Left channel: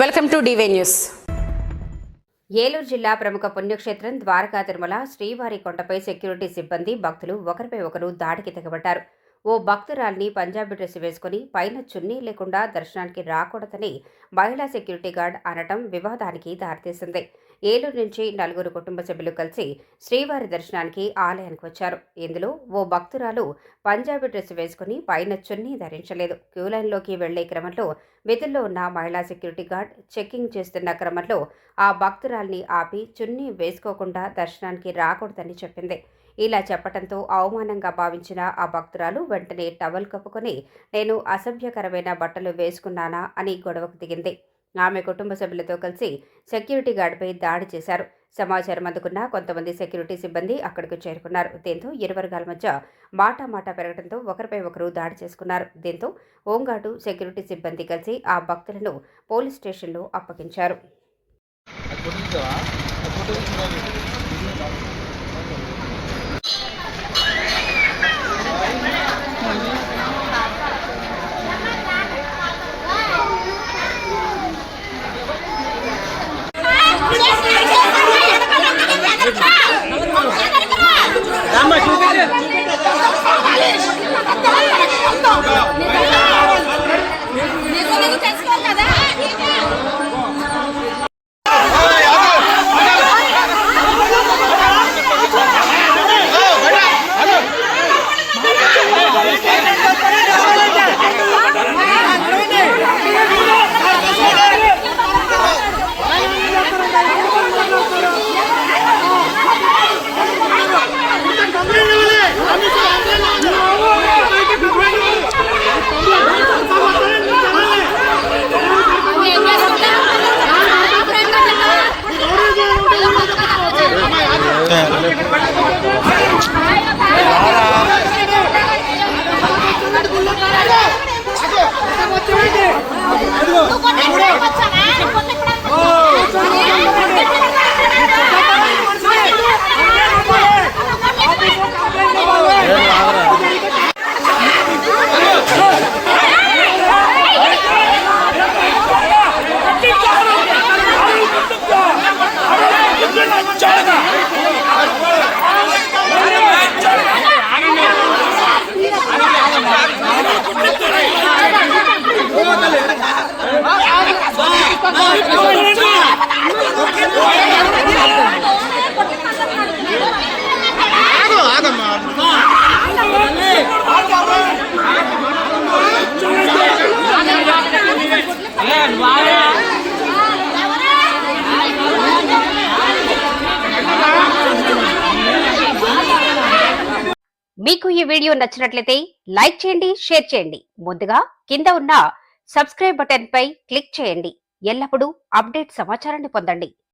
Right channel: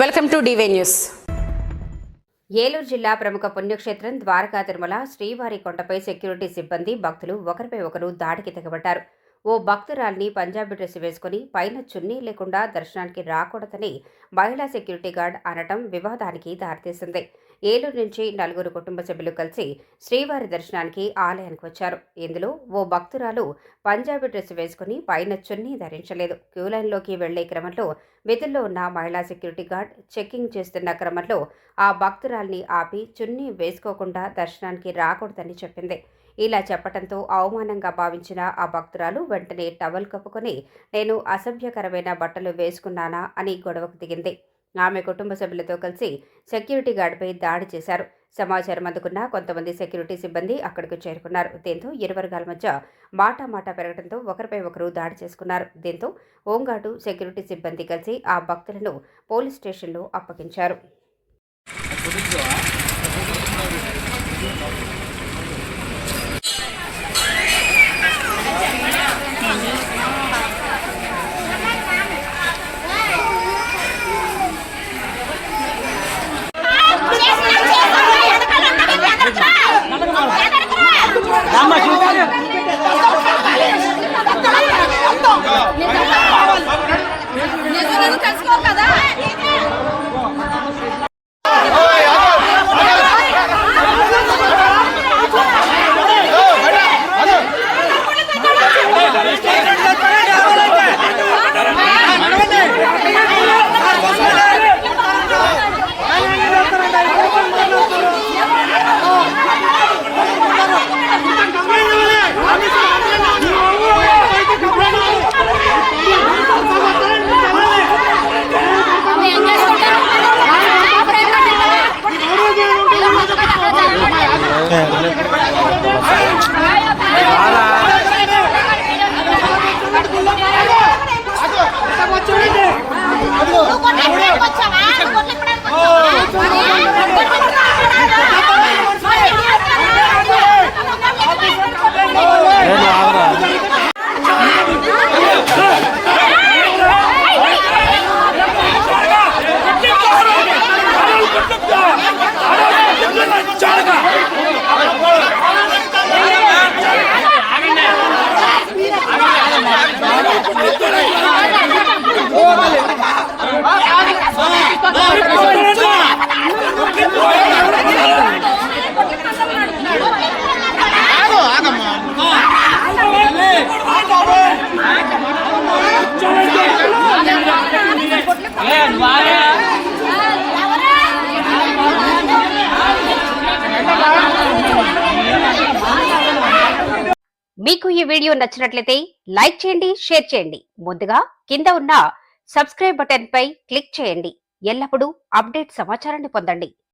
Welcome to DY news. Eluru జిల్లా ప్రముఖ పుణ్యక్షేత్రం ద్వారకా తిరుమల శ్రీవారి కొండపై సెక్యూరిటీ సిబ్బంది భక్తులు ఒకరిపై ఒకరు దాడికి తెగబడ్డారు. ఓ భక్తురాల్ని పంజాబీ డ్రెస్ వేసుకుని పైన చున్నీ లేకుండా దర్శనానికి రాకూడదని మహిళా సెక్యూరిటీ గార్డ్ అనటం వివాదానికి దారితీసింది. ఏలూరు నుంచి 4 కుటుంబ సభ్యులు కలిసి శ్రీవారి దర్శనానికి ఆలయానికి వచ్చారు. ఇందులో ఓ భక్తురాలు పంజాబీ డ్రెస్ వేసుకుని పైన చున్నీ ధరించలేదు. క్యూలైన్లోకి వెళ్లే క్రమంలో విధుల్లో ఉన్న మహిళా సెక్యూరిటీ గార్డ్ చెకింగ్ చేస్తున్న క్రమంలో ఆ భక్తురాల్ని ఆపి చున్నీ వేసుకోకుండా దర్శనానికి రాకూడదని చెప్పింది. ఇలా చెప్పడంతో అవమానంగా భావించిన ఆ భక్తురాలు వెంటనే టవల్ కప్పుకొని నేను అసభ్యకరమైన బట్టలు వేసుకున్నానా అని గొడవకు దిగింది. ఆమె కుటుంబ సభ్యులతో కలిసి సెక్యూరిటీ గార్డుపై దాడి చేశారు. సమాచారం అందుకున్న కొంతమంది సెక్యూరిటీ సిబ్బంది అక్కడికి చేరుకున్నారు. దీంతో ఇరు వర్గాల మధ్య మాటా పెరగడంతో ఒకరిపై ఒకరు దాడి చేసుకున్నారు. దీంతో హోంగార్డు సెక్యూరిటీ సిబ్బంది కలిసి ఆ భక్తులను పోలీస్ స్టేషన్లో అప్పగించారు. మీకు ఈ వీడియో నచ్చినట్లయితే లైక్ చేయండి, షేర్ చేయండి. ముందుగా కింద ఉన్న సబ్స్క్రైబ్ బటన్ పై క్లిక్ చేయండి. ఎల్లప్పుడూ అప్డేట్ సమాచారాన్ని పొందండి.